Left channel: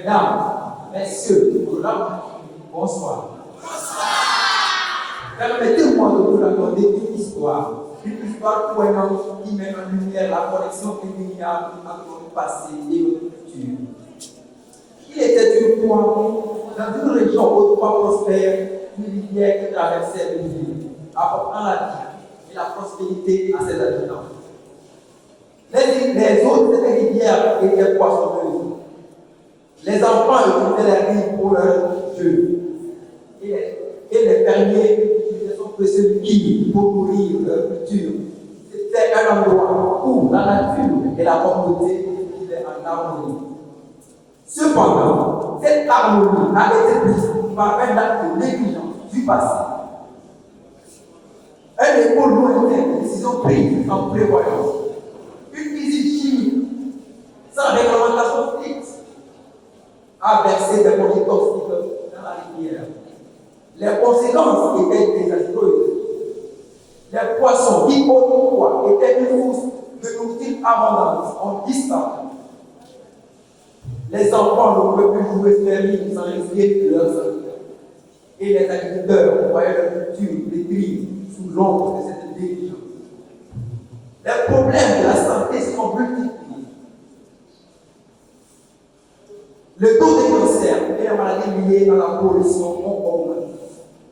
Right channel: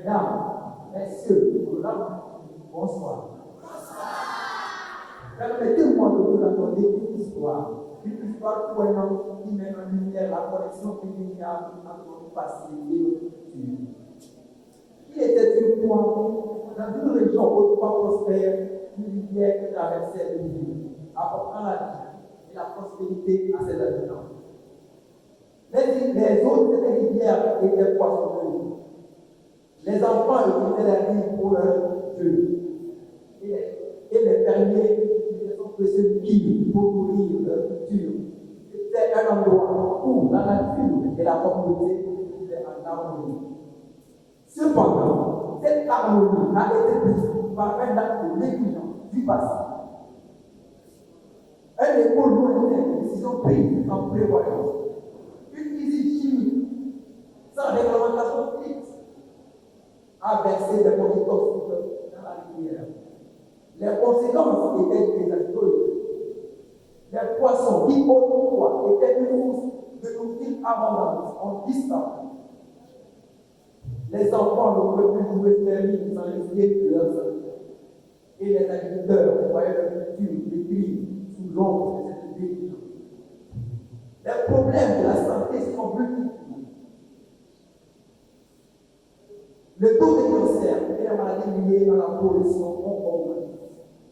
Mesdames, messieurs, bonsoir. Permettez-moi de vous raconter une histoire pour un homme qui met en lumière la connexion indéniable entre le passé et le futur. Il était une fois dans une région autrefois prospère, une rivière qui traversait le ville, apportant la vie et la prospérité à ses habitants. Les eaux de cette rivière étaient poissonneuses. Les enfants utilisaient la rive pour leur jeu. Et les fermiers utilisaient son précieux liquide pour nourrir leur culture. C'était un endroit où la nature et la communauté vivaient en harmonie. Cependant, cette harmonie a été brisée par un acte de négligence du passé. Un écho lointain de décisions prises en prévoyance. Une visite chimique sans réglementation fixe a versé des produits toxiques dans la rivière. Les conséquences étaient désastreuses. Les poissons qui autrefois étaient une source de nourriture abondante ont disparu. Les enfants ne pouvaient plus jouer stérile sans risquer leur santé. Et les agriculteurs voyaient leur culture détruite sous l'ombre de cette négligence. Les problèmes de la santé sont multipliés. Le taux de cancer et les maladies liées à la pollution ont augmenté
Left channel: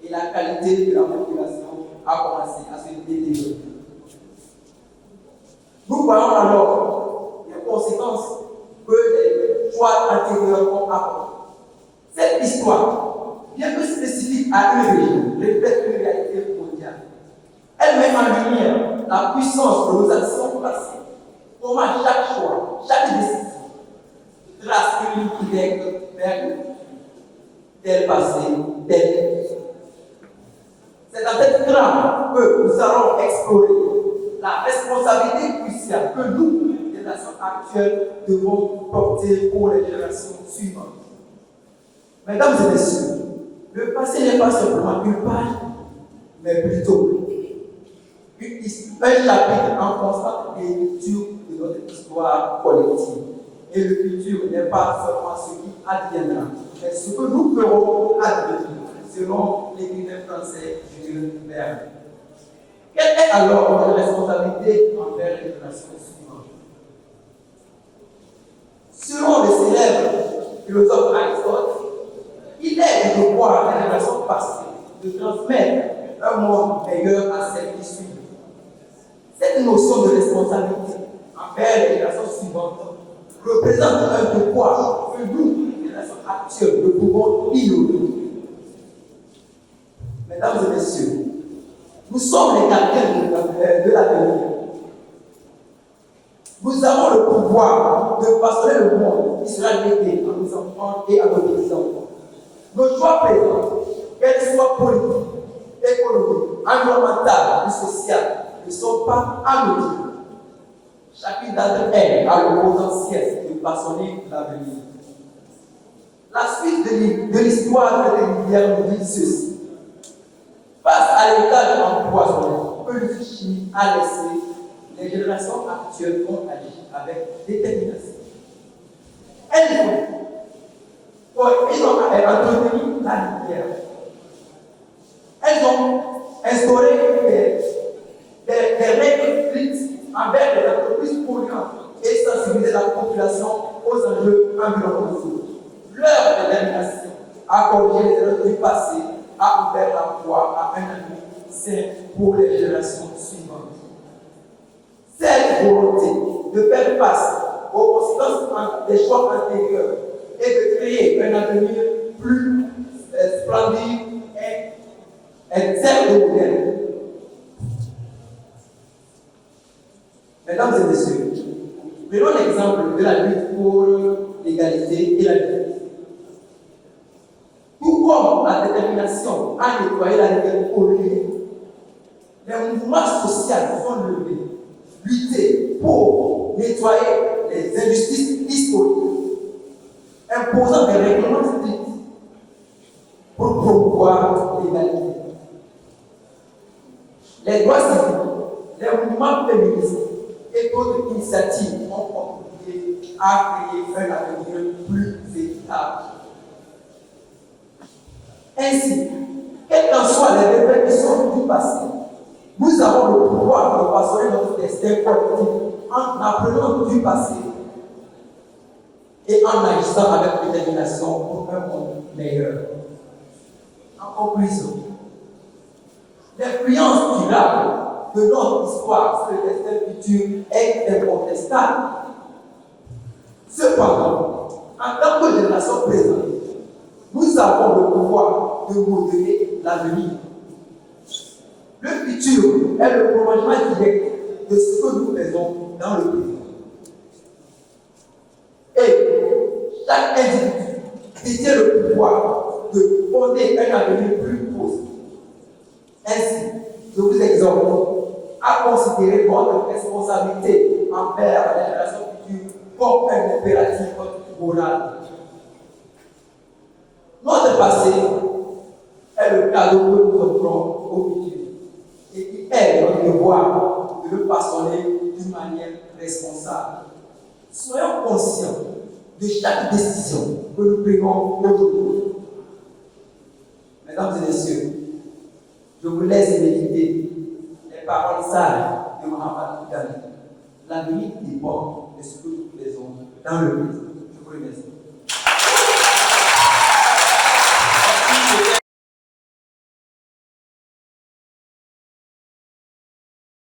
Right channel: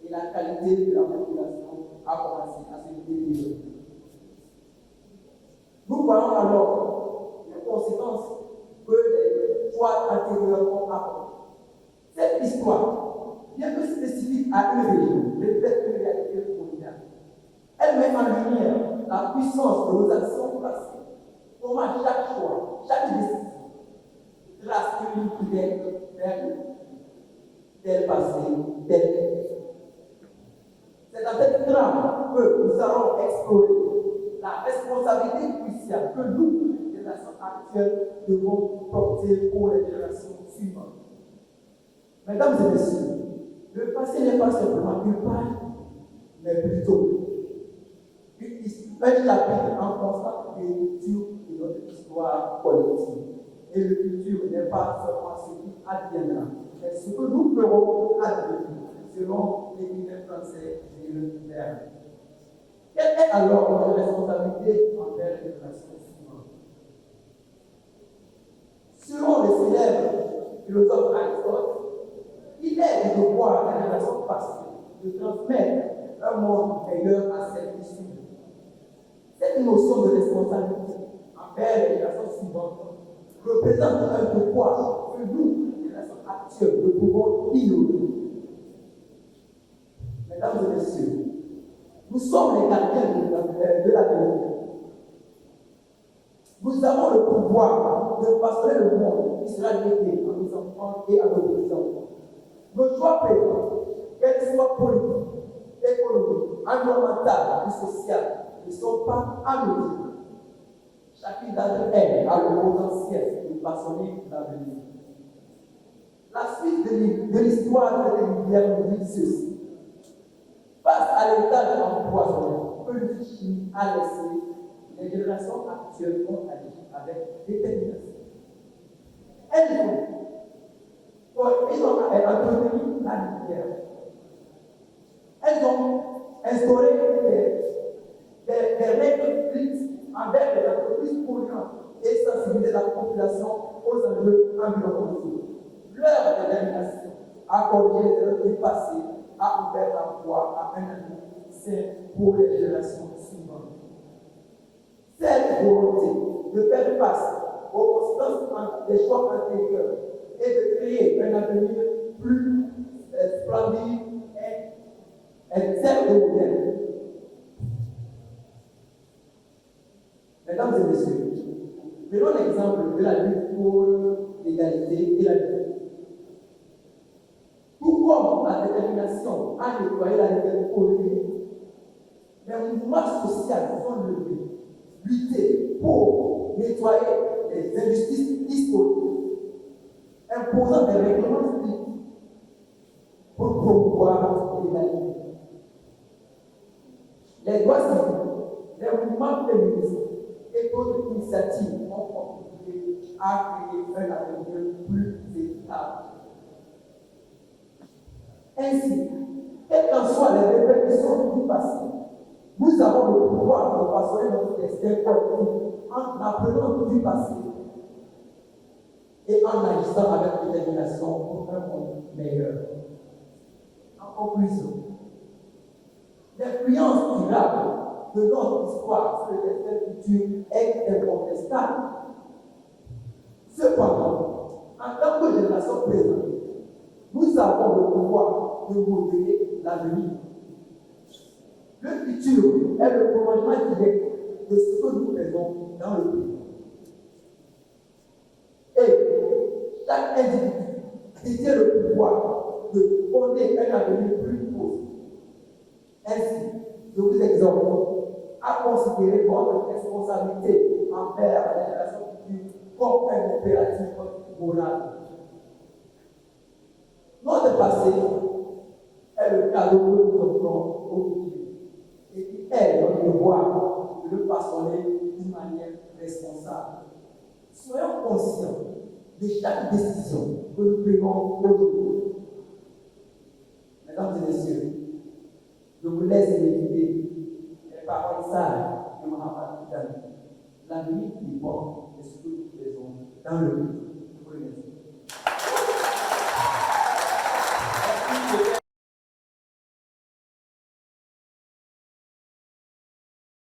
et la qualité de la population a commencé à se détériorer. Nous voyons alors les conséquences que les choix antérieurs ont apportées. Cette histoire, bien que spécifique à une région, reflète une réalité mondiale. Elle met en lumière la puissance de nos actions passées. Comment chaque choix, chaque décision trace une ligne directe vers tel passé, tel. C'est dans cette trame que nous allons explorer la responsabilité cruciale que nous, les nations actuelles, devons porter pour les générations suivantes. Mesdames et messieurs, le passé n'est pas simplement une page, mais plutôt un chapitre en constante réécriture de notre histoire collective. Et le futur n'est pas seulement ce qui adviendra, mais ce que nous ferons advenir, selon l'écrivain français Jules Verne. Quelle est alors notre responsabilité envers les générations suivantes? Selon le célèbre philosophe Aristote, il est du devoir des générations passées de transmettre un monde meilleur à celles qui suivent. Cette notion de responsabilité envers les générations suivantes représente un devoir que nous, les générations actuelles, ne pouvons ignorer. Mesdames et messieurs, nous sommes les gardiens de l'avenir. Nous avons le pouvoir de façonner le monde qui sera légué à nos enfants et à nos petits-enfants. Nos choix présents, qu'elles soient politiques, économiques, environnementales ou sociales, ne sont pas anodines. Chacune d'entre elles a le potentiel de façonner l'avenir. La suite de l'histoire de cette rivière nous dit ceci. Face à l'état de l'empoisonnement que le chimie a laissé, les générations actuelles ont agi avec détermination. Ils ont entretenu la rivière. Elles ont instauré des règles strictes envers les entreprises polluantes et sensibiliser la population aux enjeux environnementaux. Leur détermination à corriger les erreurs du passé a ouvert la voie à un avenir sain pour les générations suivantes. Cette volonté de faire face aux conséquences des choix antérieurs et de créer un avenir plus splendide et celle de modèle. Mesdames et messieurs, prenons l'exemple de la lutte pour l'égalité et la liberté. Tout comme la détermination à nettoyer la rivière polluée, les mouvements sociaux sont levés, lutter pour nettoyer les injustices historiques, imposant des règlements stricts pour promouvoir l'égalité. Les droits civiques, les mouvements féministes et d'autres initiatives ont contribué capacité à créer un avenir plus équitable. Ainsi, quelles qu'en soient les répercussions du passé, nous avons le pouvoir de façonner notre destin collectif en apprenant du passé et en agissant avec détermination pour un monde meilleur. En conclusion, l'influence durable de notre histoire sur le destin futur est incontestable. Cependant, en tant que génération présente, nous avons le pouvoir de modeler l'avenir. Le futur est le prolongement direct de ce que nous faisons dans le présent. Et chaque individu détient le pouvoir de fonder un avenir plus positif. Ainsi, je vous exhorte à considérer votre responsabilité envers la génération future comme un impératif moral. Notre passé est le cadeau que nous offrons au futur et qui est notre devoir de le façonner d'une manière responsable. Soyons conscients de chaque décision que nous prenons aujourd'hui. Mesdames et messieurs, je vous laisse méditer les paroles sages de Mahatma Gandhi. L'avenir dépend de ce que nous faisons dans le présent. Je vous remercie.